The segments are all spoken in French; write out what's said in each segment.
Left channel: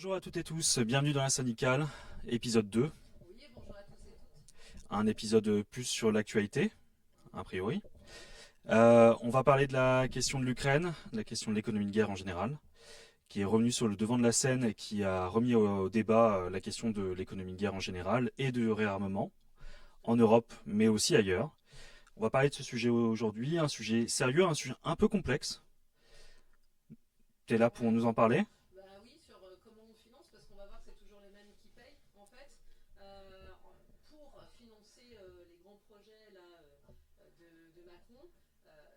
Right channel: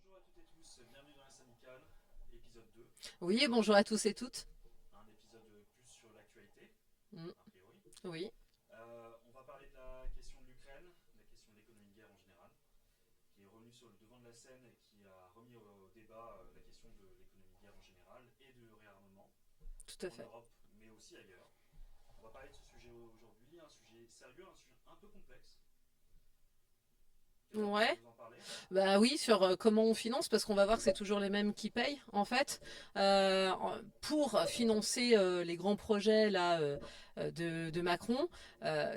Bonjour à toutes et tous, bienvenue dans la syndicale, épisode 2, Oui, bonjour à tous et toutes. un épisode plus sur l'actualité, Mm, a priori. oui, On va parler de la question de l'Ukraine, de la question de l'économie de guerre en général, qui est revenue sur le devant de la scène et qui a remis au débat la question de l'économie de guerre en général et de réarmement tout à en fait. Europe, mais aussi ailleurs. On va parler de ce sujet aujourd'hui, un sujet sérieux, un sujet un peu complexe. T'es là pour Ouais, nous en parler? bah oui, sur comment on finance, parce qu'on va voir que c'est toujours les mêmes qui payent, en fait. Pour financer les grands projets là, de Macron,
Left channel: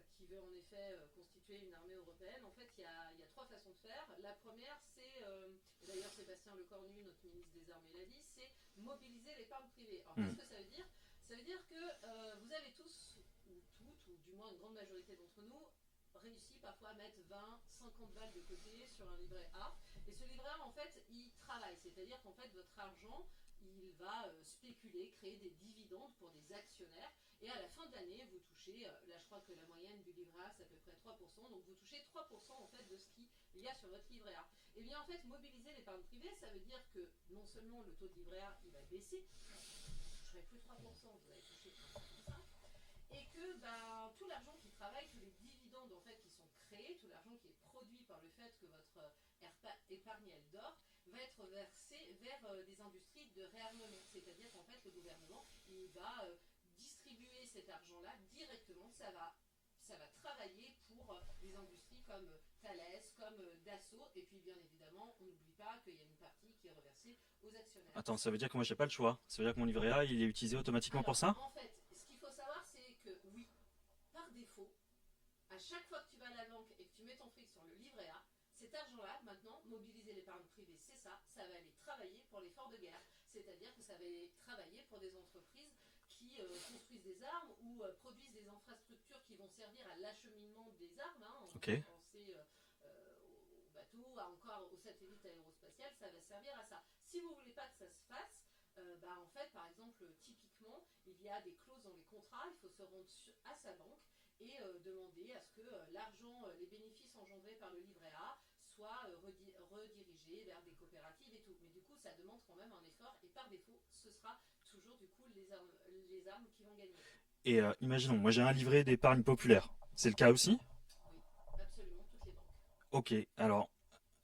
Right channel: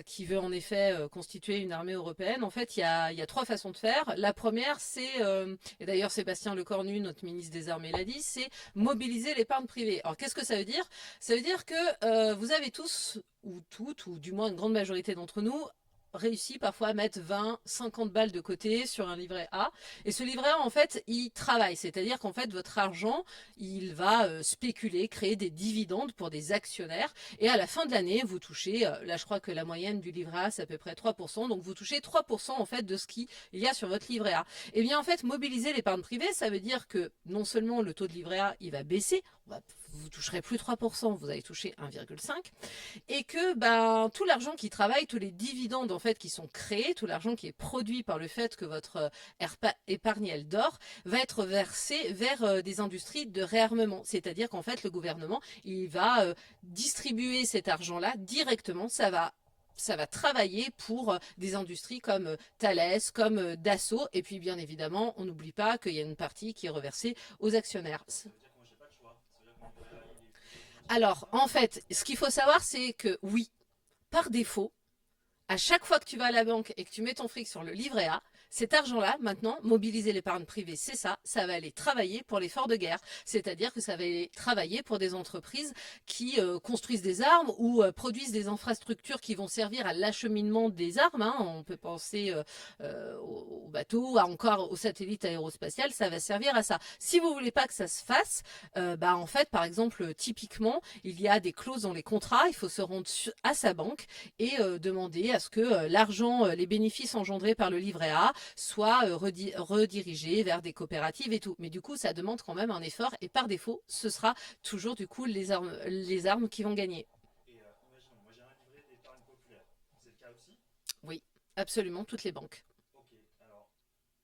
qui veut en effet constituer une armée européenne, en fait, il y a trois façons de faire. La première, c'est, et d'ailleurs Sébastien Lecornu, notre ministre des Armées, l'a dit, c'est mobiliser l'épargne privée. Alors Hmm. qu'est-ce que ça veut dire? Ça veut dire que vous avez tous, ou toutes, ou du moins une grande majorité d'entre nous, réussi parfois à mettre 20, 50 balles de côté sur un livret A. Et ce livret A, en fait, il travaille. C'est-à-dire qu'en fait, votre argent, il va spéculer, créer des dividendes pour des actionnaires. Et à la fin de l'année, vous touchez, là je crois que la moyenne du livret A, c'est à peu près 3%. Donc vous touchez 3% en fait de ce qu'il y a sur votre livret A. Et bien en fait, mobiliser l'épargne privée, ça veut dire que non seulement le taux de livret A, il va baisser, vous toucherez plus 3%, vous allez toucher 1,5, et que ben, tout l'argent qui travaille, tous les dividendes en fait qui sont créés, tout l'argent qui est produit par le fait que votre épargne elle dort, va être versé vers des industries de réarmement. C'est-à-dire qu'en fait le gouvernement il va distribuer cet argent-là directement, ça va travailler pour des industries comme Thales, comme Dassault, et puis bien évidemment, on n'oublie pas qu'il y a une partie qui est reversée aux actionnaires. Attends, ça veut dire que moi j'ai pas le choix. Ça veut dire que mon livret A il est utilisé automatiquement pour Alors, ça? en fait, ce qu'il faut savoir, c'est que oui, par défaut, à chaque fois que tu vas à la banque et que tu mets ton fric sur le livret A, cet argent-là, maintenant, mobiliser l'épargne privée, c'est ça, ça va aller travailler pour l'effort de guerre. C'est-à-dire que ça va aller travailler pour des entreprises qui construisent des armes ou produisent des infrastructures qui vont servir à l'acheminement des armes. Hein. On Ok. peut penser aux bateaux, encore aux satellites aérospatiales, ça va servir à ça. Si vous voulez pas que ça se fasse, bah en fait, par exemple, typiquement, il y a des clauses dans les contrats, il faut se rendre à sa banque et demander à ce que l'argent, les bénéfices engendrés par le livret A soient redirigés vers des coopératives et tout. Mais du coup, ça demande quand même un effort et par défaut, ce sera toujours du coup les armes qui vont gagner. Et imaginons, moi j'ai un livret d'épargne populaire. C'est le cas aussi? Oui, absolument, toutes les banques. Ok, alors,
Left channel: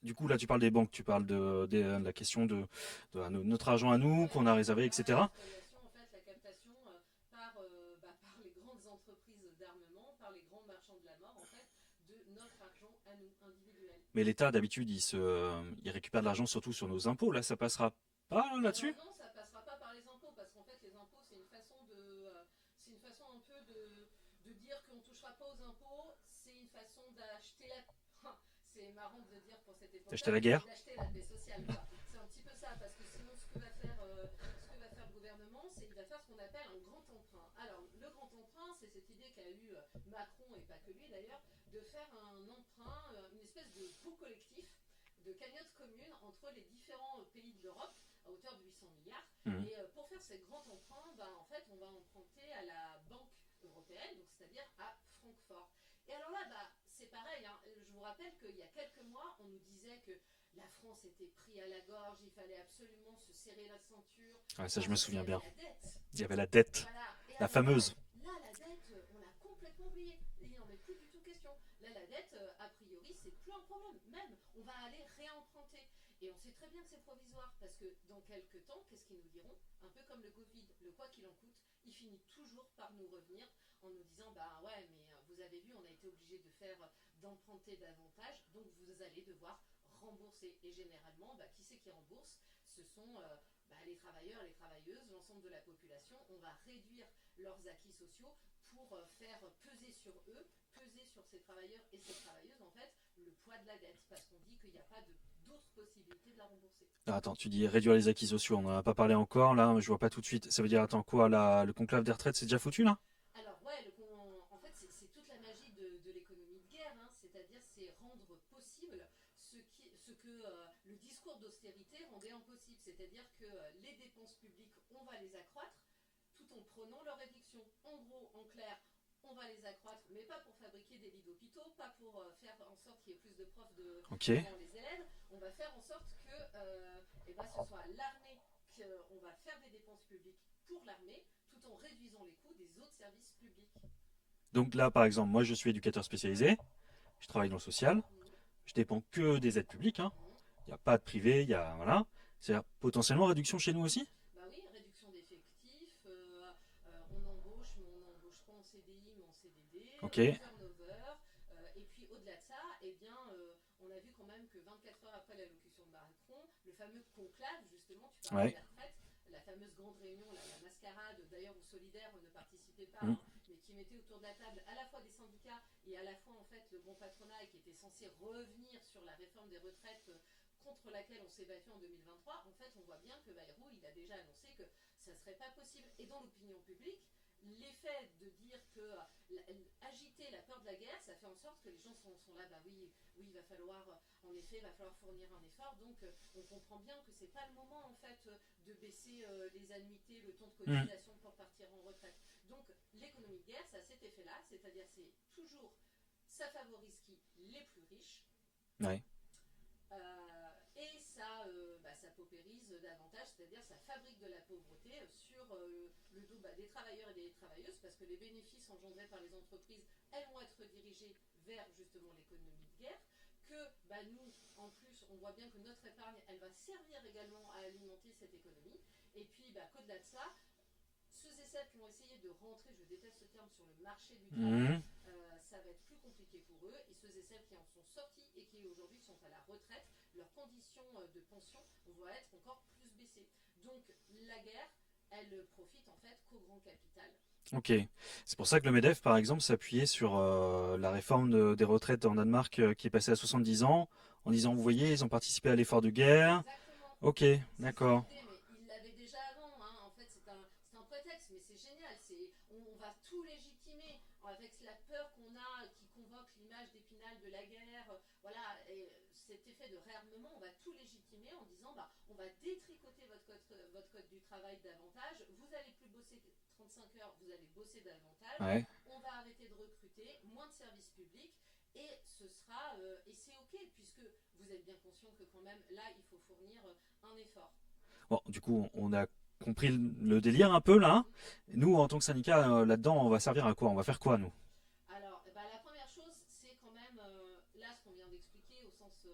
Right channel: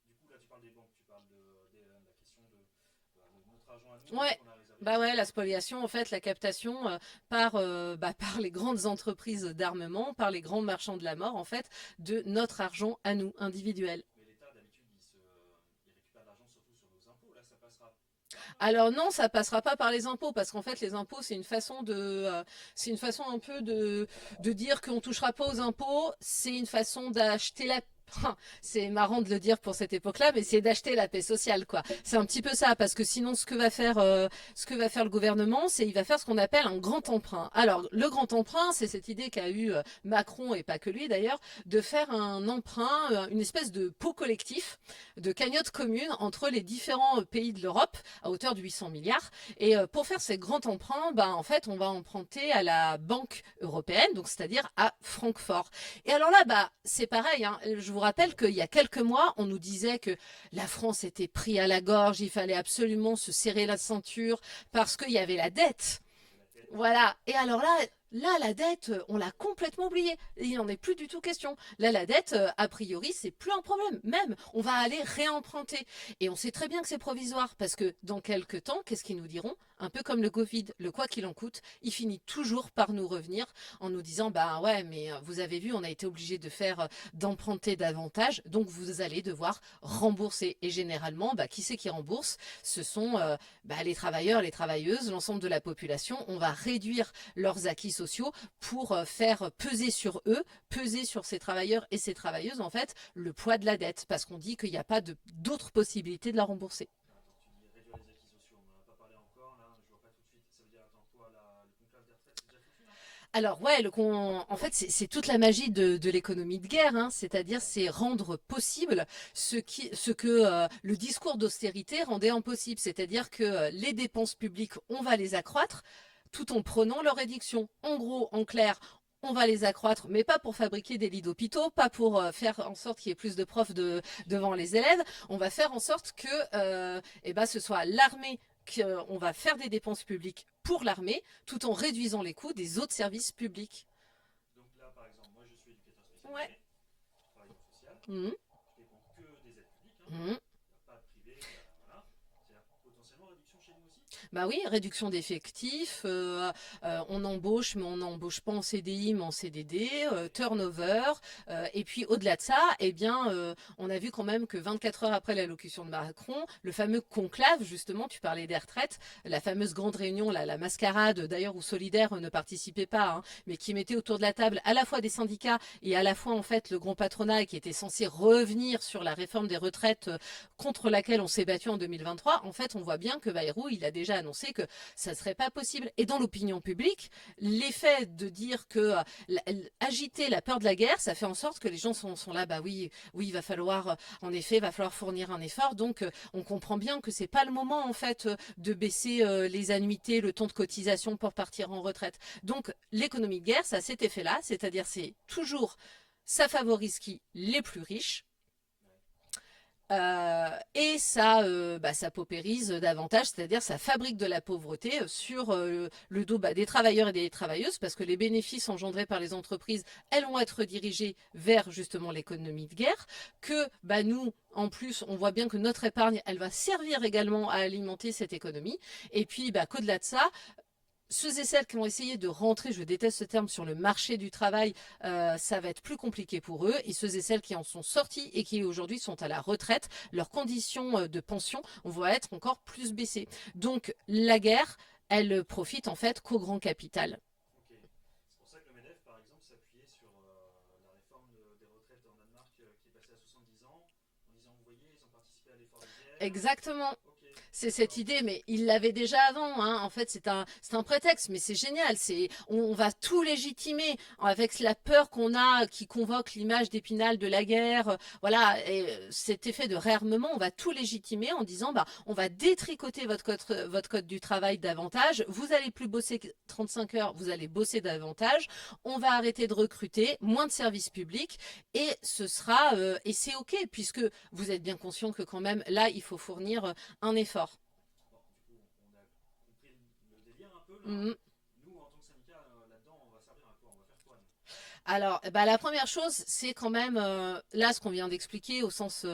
du coup là tu parles des banques, tu parles de la question de notre argent à nous, Ouais. qu'on a réservé, Bah ouais, la etc. spoliation, en fait, la captation par les grandes entreprises d'armement, par les grands marchands de la mort, en fait, de notre argent à nous, individuel. Mais l'État d'habitude il récupère de l'argent surtout sur nos impôts, là ça passera pas Alors là-dessus? non, ça passera pas par les impôts parce qu'en fait les impôts c'est une façon un peu de dire qu'on touchera pas aux impôts. C'est une façon d'acheter la c'est marrant de le dire pour cette Acheter époque-là, la mais c'est guerre? d'acheter la paix sociale, quoi. C'est un petit peu ça, parce que sinon, ce que va faire le gouvernement, c'est il va faire ce qu'on appelle un grand emprunt. Alors, le grand emprunt, c'est cette idée qu'a eu Macron et pas que lui d'ailleurs, de faire un emprunt, une espèce de pot collectif, de cagnotte commune entre les différents pays de l'Europe à hauteur de 800 milliards. Mhm. Et pour faire ces grands emprunts, ben, en fait, on va emprunter à la Banque européenne, donc c'est-à-dire à Francfort. Et alors là, bah, c'est pareil. Hein. Je vous rappelle qu'il y a quelques mois, on nous disait que la France était prise à la gorge, il fallait absolument se serrer la ceinture Ouais, ça je parce me qu'il y souviens avait bien. la dette. Il y avait la dette, Voilà. Et la alors là, fameuse. la dette, on l'a complètement oubliée. Il n'en est plus du tout question. Là, la dette, a priori, c'est plus un problème. Même, on va aller réemprunter. Et on sait très bien que c'est provisoire parce que dans quelques temps, qu'est-ce qu'ils nous diront? Un peu comme le Covid, le quoi qu'il en coûte, il finit toujours par nous revenir en nous disant, bah ouais, mais vous avez vu, on a été obligé de faire, d'emprunter davantage, donc vous allez devoir rembourser. Et généralement, bah, qui c'est qui rembourse? Ce sont bah, les travailleurs, les travailleuses, l'ensemble de la population. On va réduire leurs acquis sociaux pour faire peser sur eux, peser sur ces travailleurs et ces travailleuses, en fait, le poids de la dette, parce qu'on dit qu'il n'y a pas d'autres possibilités de la rembourser. Ah, attends, tu dis réduire les acquis sociaux, on n'en a pas parlé encore, là je vois pas tout de suite. Ça veut dire, attends quoi, le conclave des retraites c'est déjà foutu là? Alors ouais, en fait, c'est toute la magie de l'économie de guerre, hein, c'est-à-dire c'est rendre possible ce que le discours d'austérité rendait impossible, c'est-à-dire que les dépenses publiques, on va les accroître tout en prenant leur réduction. En gros, en clair, on va les accroître, mais pas pour fabriquer des lits d'hôpitaux, pas pour faire en sorte qu'il y ait plus de profs Ok. devant les élèves. On va faire en sorte que ce soit l'armée, qu'on va faire des dépenses publiques pour l'armée, tout en réduisant les coûts des autres services publics. Donc là, par exemple, moi, je suis éducateur Ouais. spécialisé. Je travaille dans le social. Mhm. Je dépends que des aides publiques, hein. Mhm. Il n'y a pas de privé, il y a voilà. C'est-à-dire potentiellement réduction chez nous aussi. Bah oui, réduction d'effectifs, on embauche, mais on n'embauche pas en CDI, mais en CDD, Ok. turnover, et puis au-delà de ça, eh bien, on a vu quand même que 24 heures après l'allocution de Macron, le fameux conclave, justement, tu parlais Ouais. des retraites, la fameuse grande réunion, la mascarade, d'ailleurs, où Solidaire ne participait pas, Mm. hein, mais qui mettait autour de la table à la fois des syndicats et à la fois, en fait, le grand patronat qui était censé revenir sur la réforme des retraites contre laquelle on s'est battu en 2023, en fait, on voit bien que Bayrou, il a déjà annoncé que ça ne serait pas possible. Et dans l'opinion publique, l'effet de dire que agiter la peur de la guerre, ça fait en sorte que les gens sont là, bah oui, oui, il va falloir, en effet, il va falloir fournir un effort. Donc, on comprend bien que c'est pas le moment, en fait, de baisser les annuités, le temps de Mm. cotisation pour partir en retraite. Donc, l'économie de guerre, ça a cet effet-là, c'est-à-dire c'est toujours, ça favorise qui? Les plus riches. Ouais. Et ça, ça paupérise davantage, c'est-à-dire ça fabrique de la pauvreté sur le dos des travailleurs et des travailleuses, parce que les bénéfices engendrés par les entreprises, elles vont être dirigés vers justement l'économie de guerre, que nous, en plus, on voit bien que notre épargne, elle va servir également à alimenter cette économie, et puis qu'au-delà de ça, ceux et celles qui ont essayé de rentrer, je déteste ce terme, sur le marché du travail, Mhm. ça va être plus compliqué pour eux. Et ceux et celles qui en sont sortis et qui aujourd'hui sont à la retraite, leurs conditions de pension vont être encore plus baissées. Donc la guerre, elle profite en fait qu'au grand capital. Ok. C'est pour ça que le MEDEF, par exemple, s'appuyait sur la réforme des retraites en Danemark qui est passée à 70 ans, en disant, vous voyez, ils ont participé à l'effort de guerre. Exactement. Ok, C'est cette d'accord. idée, mais il l'avait déjà avant, hein. En fait, c'est un prétexte, mais c'est génial. On va tout légitimer avec la peur qu'on a, qui convoque l'image d'Épinal de la guerre. Voilà, et cet effet de réarmement, on va tout légitimer en disant, on va détricoter votre code du travail davantage. Vous allez plus bosser 35 heures, vous allez bosser davantage. Ouais. On va arrêter de recruter, moins de services publics, et ce sera, et c'est ok, puisque vous êtes bien conscient que quand même, là, il faut fournir un effort. Bon, du coup, on a compris le délire un peu là, hein. Mhm. Nous, en tant que syndicat, là-dedans, on va servir à quoi? On va faire quoi, nous? Alors, la première chose, c'est quand même, là, ce qu'on vient d'expliquer au sens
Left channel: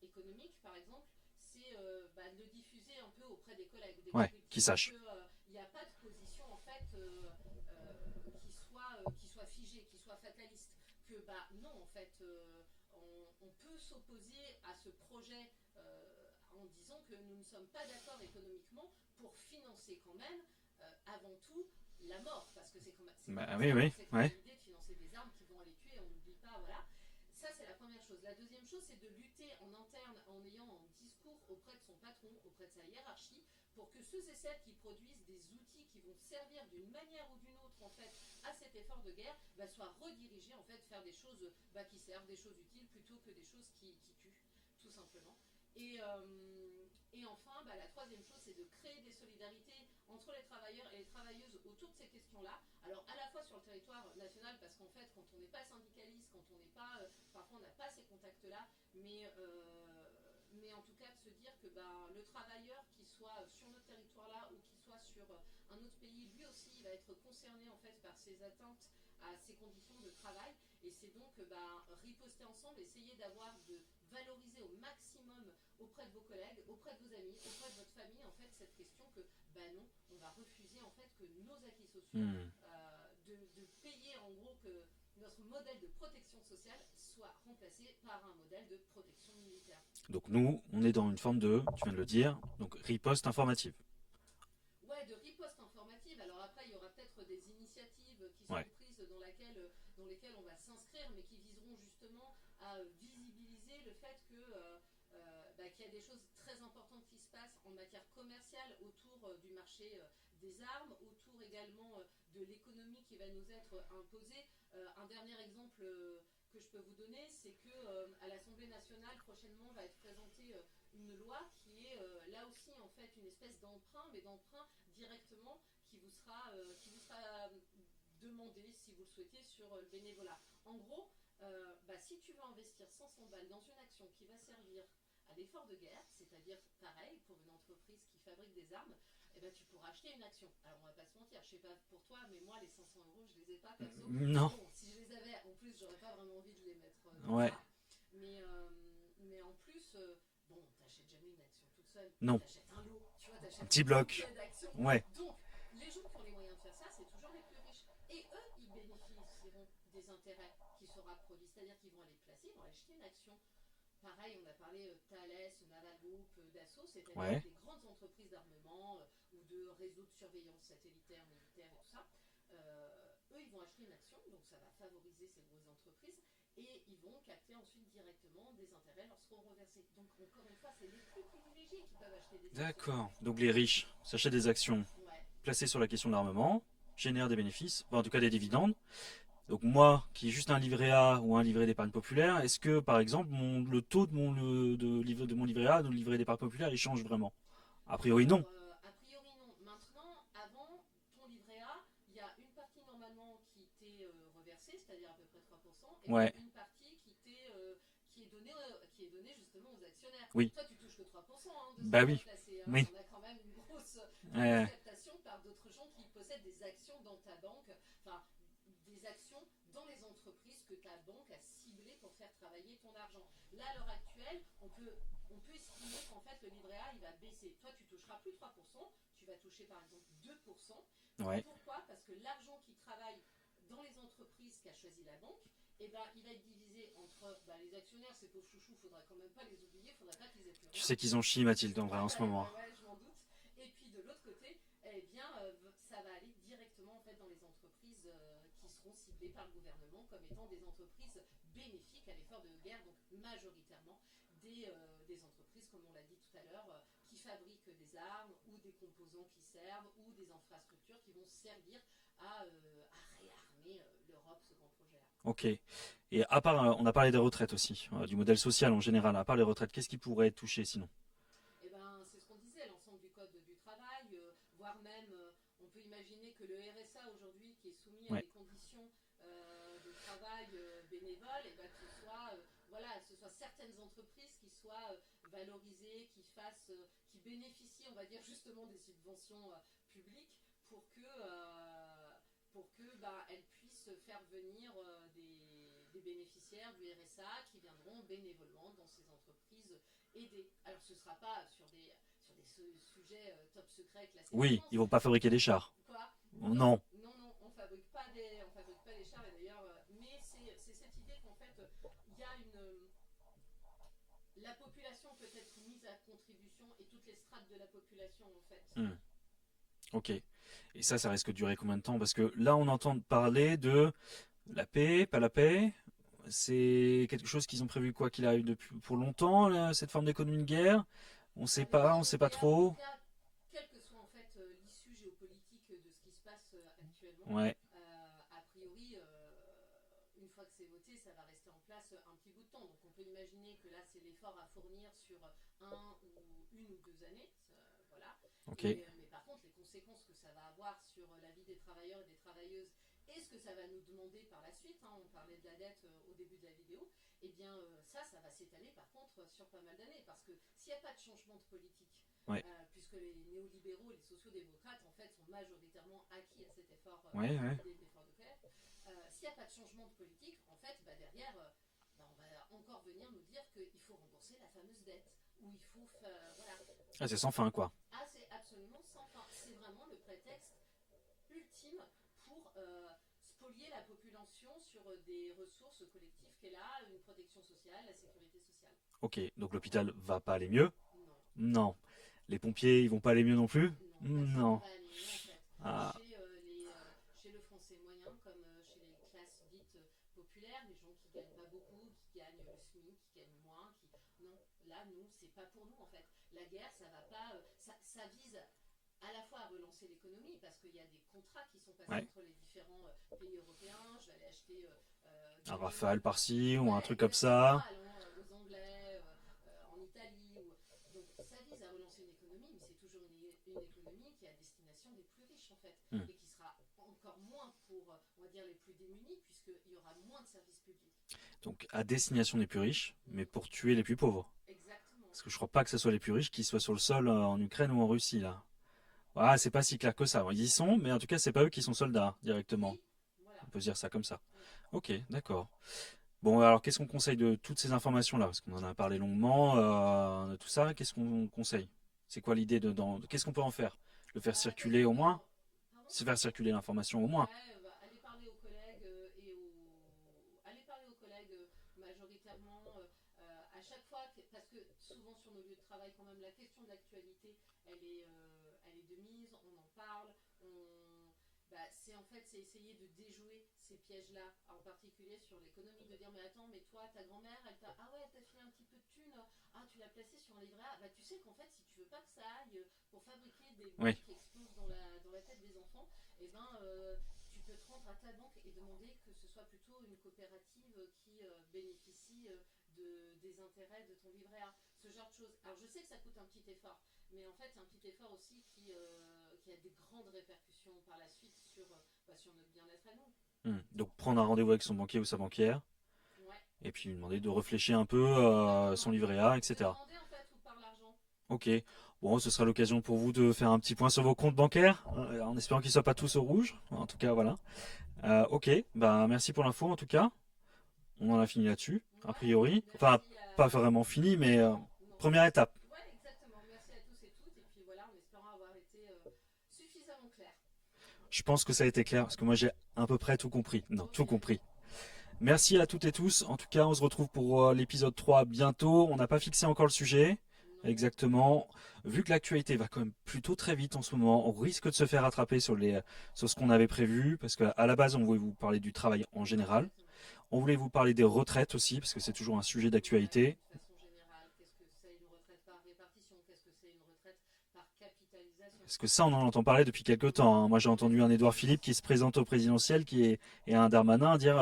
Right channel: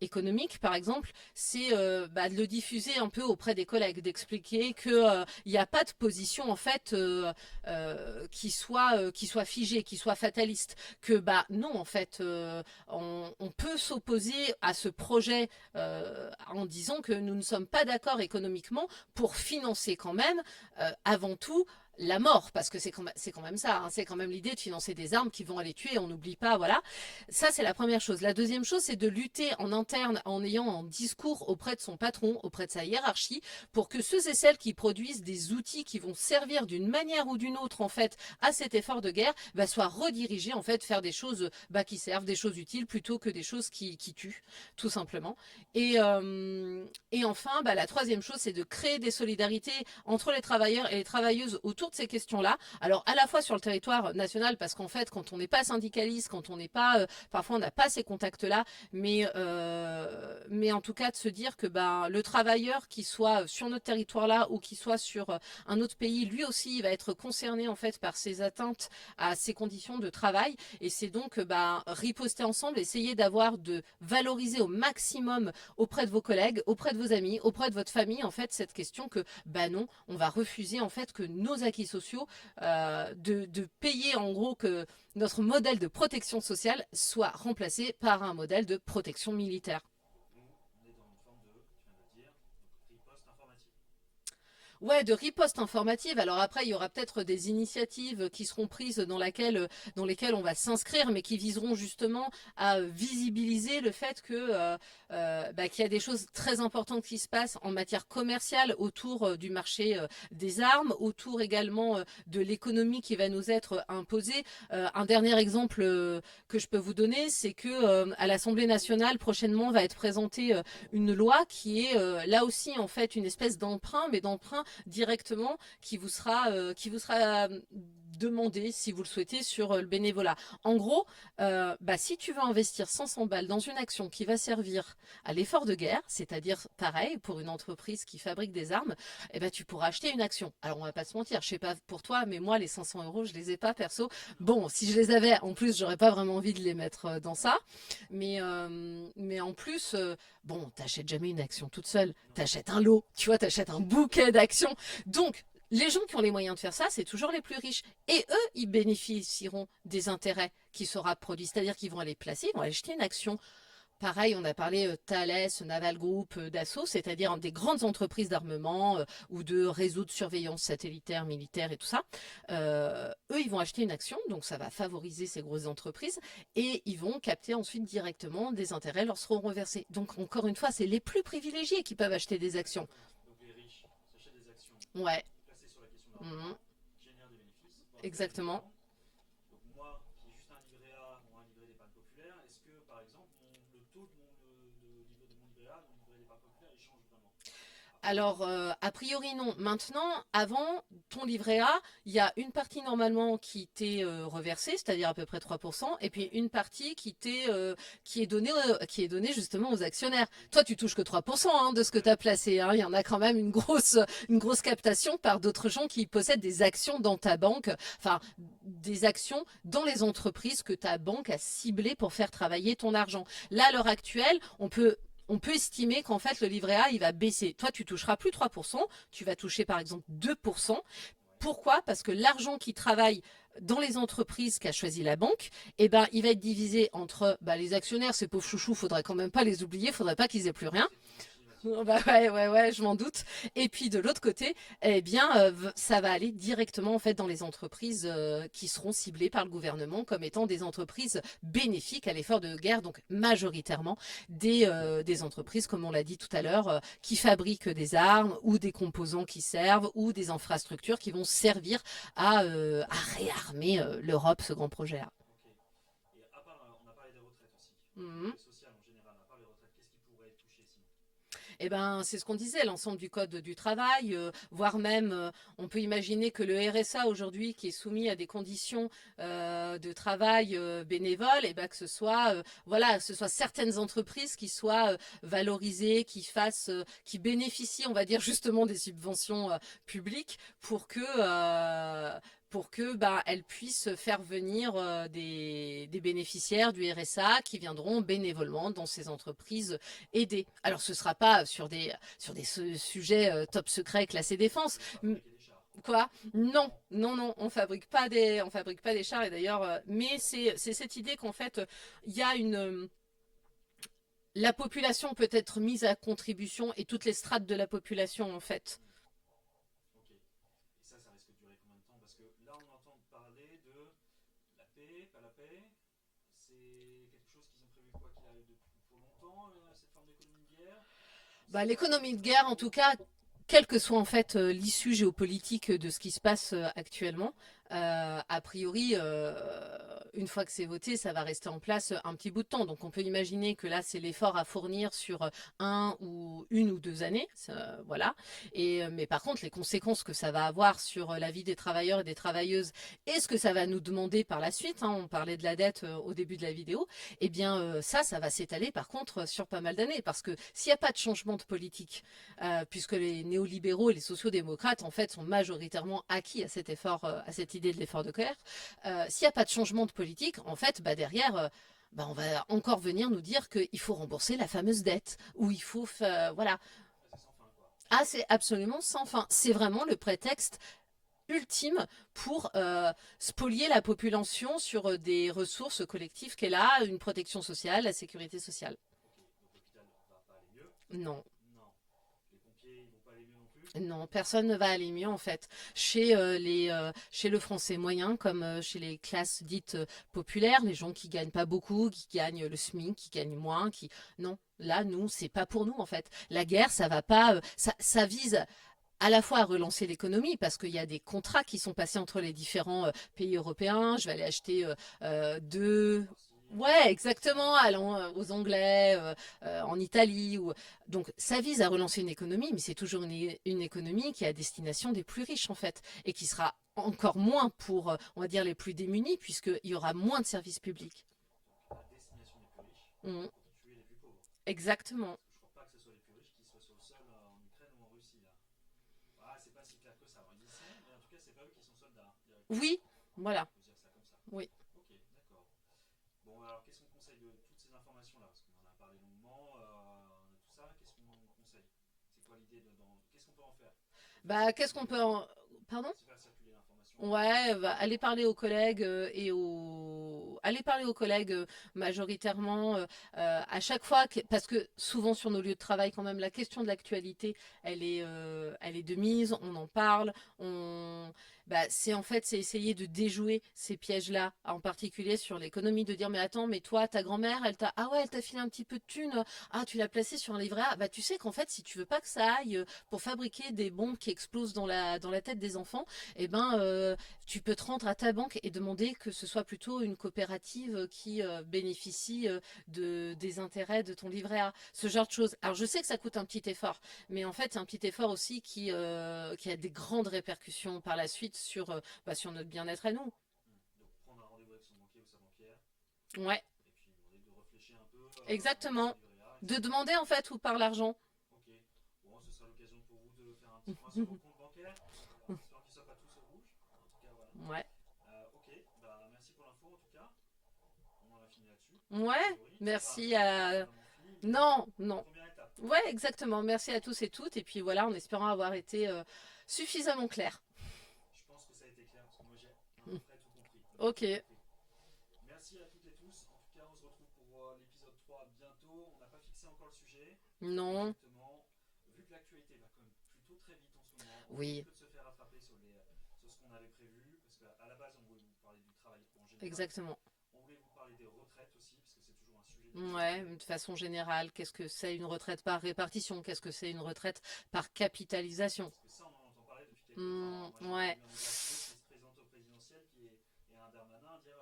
économique, par exemple, c'est de le diffuser un peu auprès des collègues, Ouais, qu'ils d'expliquer sachent. que il n'y a pas de position, en fait, qui soit figée, qui soit fataliste. Que, non, en fait, on peut s'opposer à ce projet en disant que nous ne sommes pas d'accord économiquement pour financer quand même, avant tout, la mort, parce que c'est quand Bah même oui, ça, hein, oui, c'est quand même ouais. l'idée de financer des armes qui vont aller tuer, on n'oublie pas, voilà. Ça, c'est la première chose. La deuxième chose, c'est de lutter en interne en ayant un discours auprès de son patron, auprès de sa hiérarchie, pour que ceux et celles qui produisent des outils qui vont servir d'une manière ou d'une autre, en fait, à cet effort de guerre, soient redirigés, en fait, faire des choses qui servent, des choses utiles, plutôt que des choses qui tuent, tout simplement. Et enfin, la troisième chose, c'est de créer des solidarités entre les travailleurs et les travailleuses autour de ces questions-là. Alors, à la fois sur le territoire national, parce qu'en fait, quand on n'est pas syndicaliste, quand on n'est pas, parfois on n'a pas ces contacts-là, mais en tout cas de se dire que le travailleur qui soit sur notre territoire-là ou qui soit sur un autre pays, lui aussi, il va être concerné en fait par ces atteintes à ses conditions de travail. Et c'est donc riposter ensemble, essayer de valoriser au maximum auprès de vos collègues, auprès de vos amis, auprès de votre famille, en fait, cette question que, non, on va refuser, en fait, que nos acquis sociaux, Hmm. de payer, en gros, que notre modèle de protection sociale soit remplacé par un modèle de protection militaire. Donc nous, on est dans une forme de, tu viens de le dire, donc riposte informative. Ouais, de riposte informative. Alors après, il y aura peut-être des initiatives qui Ouais. seront prises dans lesquelles on va s'inscrire, mais qui viseront justement à visibiliser le fait que qu'il y a des choses très importantes qui se passent en matière commerciale autour du marché des armes, autour également de l'économie qui va nous être imposée. Un dernier exemple que je peux vous donner, c'est que à l'Assemblée nationale prochainement va être présentée une loi qui est là aussi en fait une espèce d'emprunt, mais d'emprunt directement qui vous sera demander, si vous le souhaitez, sur le bénévolat. En gros, si tu veux investir 500 balles dans une action qui va servir à l'effort de guerre, c'est-à-dire pareil pour une entreprise qui fabrique des armes, tu pourras acheter une action. Alors on va pas se mentir, je sais pas pour toi, mais moi les 500 euros, je les ai pas perso. Non. Bon, si je les avais, en plus, j'aurais pas vraiment envie de les mettre dans Ouais. ça. Mais en plus, bon, t'achètes jamais une action toute seule. Non. T'achètes un lot, tu vois, t'achètes un Petit bloc. bouquet d'actions. Ouais. Donc, les gens qui ont les moyens de faire ça, c'est toujours les plus riches. Et eux, ils bénéficieront des intérêts qui sera produits. C'est-à-dire qu'ils vont aller placer, ils vont aller acheter une action. Pareil, on a parlé Thales, Naval Group, Dassault, c'est-à-dire Ouais. des grandes entreprises d'armement ou de réseaux de surveillance satellitaire, militaire et tout ça. Eux, ils vont acheter une action, donc ça va favoriser ces grosses entreprises et ils vont capter ensuite directement des intérêts leur seront reversés. Donc encore une fois, c'est les plus privilégiés qui peuvent acheter des actions. D'accord. Donc les riches s'achètent des actions Ouais, placées sur la question de l'armement, génèrent des bénéfices, en tout cas des exactement. dividendes. Donc moi, qui ai juste un livret A ou un livret d'épargne populaire, est-ce que par exemple le taux de mon livret A, de mon livret d'épargne populaire, il change vraiment? A priori non. Alors, a priori non. Maintenant, avant ton livret A, il y a une partie normalement qui t'est reversée, c'est-à-dire à peu près 3%, et Ouais. puis une partie qui est donnée justement aux actionnaires. Oui. Toi, tu touches que 3% de ce que Bah tu as oui. placé. Hein. Oui. Il y en a quand même une grosse Ouais. captation par d'autres gens qui possèdent des actions dans ta banque, enfin des actions dans les entreprises que ta banque a ciblées pour faire travailler ton argent. Là, à l'heure actuelle, on peut estimer qu'en fait, le livret A, il va baisser. Toi, tu toucheras plus 3%, tu vas toucher par exemple 2%. Ouais. Pourquoi? Parce que l'argent qui travaille dans les entreprises qu'a choisi la banque, il va être divisé entre les actionnaires, ces pauvres chouchous, faudrait quand même pas les oublier, faudrait pas qu'ils aient plus rien. C'est qu'ils ont chié, Mathilde. En Ouais, je m'en doute. Et puis de l'autre côté, ça va aller directement en fait dans les entreprises qui seront ciblées par le gouvernement comme étant des entreprises bénéfiques à l'effort de guerre, donc majoritairement des entreprises, comme on l'a dit tout à l'heure, qui fabriquent des armes ou des composants qui servent ou des infrastructures qui vont servir à réarmer l'Europe, ce grand projet-là. Ok. Et à part, on a parlé des retraites aussi, du modèle social en général. À part les retraites, qu'est-ce qui pourrait être touché sinon? C'est ce qu'on disait, l'ensemble du code du travail, voire même, on peut imaginer que le RSA aujourd'hui, qui est soumis à Ouais. des conditions de travail bénévoles, que ce soit, ce soit certaines entreprises qui soient valorisées, qui bénéficient, on va dire justement des subventions publiques pour que elles puissent faire venir des bénéficiaires du RSA qui viendront bénévolement dans ces entreprises aider. Alors ce sera pas sur des sujets top secret classés Oui, défense. ils vont pas fabriquer des chars. Quoi? Non. Non, on fabrique pas des chars et d'ailleurs, mais c'est cette idée qu'en fait il y a la population peut être mise à contribution et toutes les strates de la population en fait. Ok. Et ça risque de durer combien de temps? Parce que là, on entend parler de la paix, pas la paix. C'est quelque chose qu'ils ont prévu quoi qu'il arrive depuis pour longtemps, là, cette forme d'économie de guerre. On sait pas, on L'économie sait de pas guerre, en trop. tout cas, quelle que soit en fait l'issue géopolitique de ce qui se passe actuellement, Ouais. a priori, une fois que c'est voté, ça va rester en place un petit bout de temps. Donc on peut imaginer que là, c'est l'effort à fournir sur une ou 2 années, voilà. Ok. Mais par contre, les conséquences que ça va avoir sur la vie des travailleurs et des travailleuses et ce que ça va nous demander par la suite, on parlait de la dette au début de la vidéo, ça va s'étaler par contre sur pas mal d'années. Parce que s'il n'y a pas de changement de politique, Ouais. puisque les néolibéraux et les sociodémocrates en fait sont majoritairement acquis à cet effort, à cette Ouais. idée de l'effort de guerre, s'il n'y a pas de changement de politique, en fait, derrière, on va encore venir nous dire qu'il faut rembourser la fameuse dette, ou il faut, voilà. Ah, c'est sans fin, quoi. Ah, c'est absolument sans fin. C'est vraiment le prétexte ultime pour spolier la population sur des ressources collectives qu'elle a, une protection sociale, la sécurité sociale. Ok. Donc l'hôpital va pas aller mieux? Non. Non. Les pompiers, ils vont pas aller mieux non plus? Non, personne ne Non. va aller mieux en fait. Ah. Chez le français moyen, comme chez les classes dites populaires, les gens qui gagnent pas beaucoup, qui gagnent le SMIC, qui gagnent moins, non, là nous c'est pas pour nous en fait. La guerre, ça va pas, ça vise à la fois à relancer l'économie, parce qu'il y a des contrats qui sont passés Ouais. entre les différents pays européens. Je vais aller acheter Un Rafale deux... par-ci ou un Ouais, truc comme exactement, ça. allant aux Anglais, en Italie. Donc ça vise à relancer une économie, mais c'est toujours une économie qui est à destination des plus riches en fait, Hmm. et qui sera encore moins pour, on va dire, les plus démunis, puisqu'il y aura moins de services publics. Donc à destination des plus riches, mais Mhm. pour tuer les plus pauvres. Exactement. Parce que je crois pas que ce soit les plus riches qui soient sur le sol en Ukraine ou en Russie là. Ah, c'est pas si clair que ça. Ils y sont, mais en tout cas, c'est pas eux qui sont soldats directement. Oui, voilà. On peut se dire ça comme ça. Oui. Ok, d'accord. Bon, alors qu'est-ce qu'on conseille de toutes ces informations-là? Parce qu'on en a parlé longuement, de tout ça. Qu'est-ce qu'on conseille? C'est quoi l'idée qu'est-ce qu'on peut en faire? De faire Bah, qu'est-ce circuler qu'on au peut moins? en... Pardon? Se faire circuler l'information au moins. Ouais, bah, aller parler aux collègues aller parler aux collègues majoritairement à chaque fois parce que souvent sur nos lieux de travail quand même la question de l'actualité elle est de mise, on en parle, c'est en fait c'est essayer de déjouer ces pièges-là, en particulier sur l'économie, de dire mais attends, mais toi ta grand-mère elle t'a filé un petit peu de thunes, ah tu l'as placé sur un livret A, bah tu sais qu'en fait si tu veux pas que ça aille pour fabriquer des bombes Oui. qui explosent dans la tête des enfants, eh ben, tu peux te rendre à ta banque et demander que ce soit plutôt une coopérative qui bénéficie des intérêts de ton livret A. Ce genre de choses. Alors, je sais que ça coûte un petit effort, mais en fait, c'est un petit effort aussi qui a des grandes répercussions par la suite sur notre bien-être à nous. Donc prendre un rendez-vous avec son banquier ou sa banquière, Ouais, et puis lui demander de réfléchir un peu son exactement. livret A, De etc. demander en fait où part l'argent. Ok. Bon, ce sera l'occasion pour vous de faire un petit point sur vos comptes bancaires, en espérant qu'ils ne soient pas tous au rouge. En tout cas, voilà. Ouais. Ok, bah merci pour l'info en tout cas. On en a fini là-dessus, a Ouais, priori. merci Pas à... vraiment fini, mais Non, non. première étape. Ouais, exactement. Merci à tous et toutes. Et puis voilà, en espérant avoir été suffisamment clair. Je pense que ça a été clair, parce que moi j'ai à peu près tout compris. Non, Ok. tout compris. Merci à toutes et tous. En tout cas, on se retrouve pour l'épisode 3 bientôt. On n'a pas fixé encore le sujet. Non. Exactement. Vu que l'actualité va quand même plutôt très vite en ce moment, on Oui, risque de se faire rattraper sur ce qu'on avait prévu, parce qu'à la base, on voulait vous parler du travail en général. exactement. On voulait vous parler des retraites aussi, parce que c'est toujours un sujet Ouais, d'actualité. de façon générale, qu'est-ce que c'est une retraite par répartition? Qu'est-ce que c'est une retraite par capitalisation? Parce que ça, on en entend parler depuis quelques temps, hein. Moi, j'ai Ouais. entendu un Édouard Philippe qui se présente au présidentiel et un Darmanin dire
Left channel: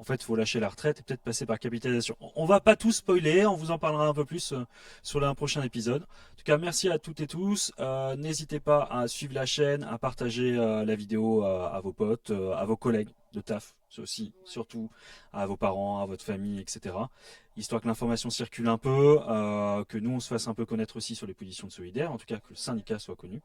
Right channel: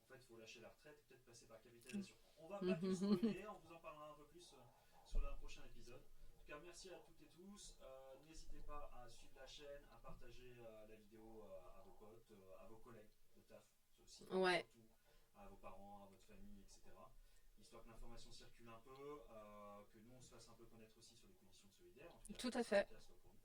en fait, il faut lâcher la retraite et peut-être passer par capitalisation. On va pas tout spoiler, on vous en parlera un peu plus sur un prochain épisode. En tout cas, merci à toutes et tous. N'hésitez pas à suivre la chaîne, à partager la vidéo à vos potes, à vos collègues de taf, c'est aussi, Ouais, surtout à vos parents, à votre famille, etc. Histoire que l'information circule un peu, que nous on se fasse un peu connaître aussi sur les positions de solidaires, en tout cas que tout le à fait. syndicat soit connu.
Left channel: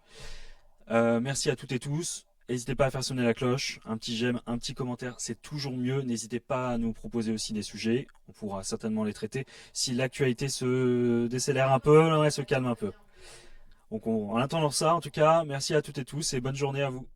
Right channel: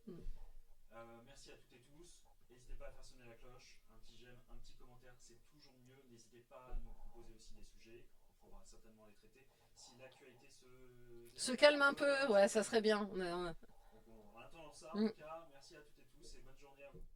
Merci à toutes et tous. N'hésitez pas à faire sonner la cloche, un petit j'aime, un petit commentaire, c'est toujours mieux. N'hésitez pas à nous proposer aussi des sujets, on pourra certainement les traiter. Si l'actualité se Se décélère un calme un peu, peu, elle se ouais, ça calme un serait peu. bien. Donc en attendant ça, en tout cas, merci à toutes et tous et bonne journée à vous.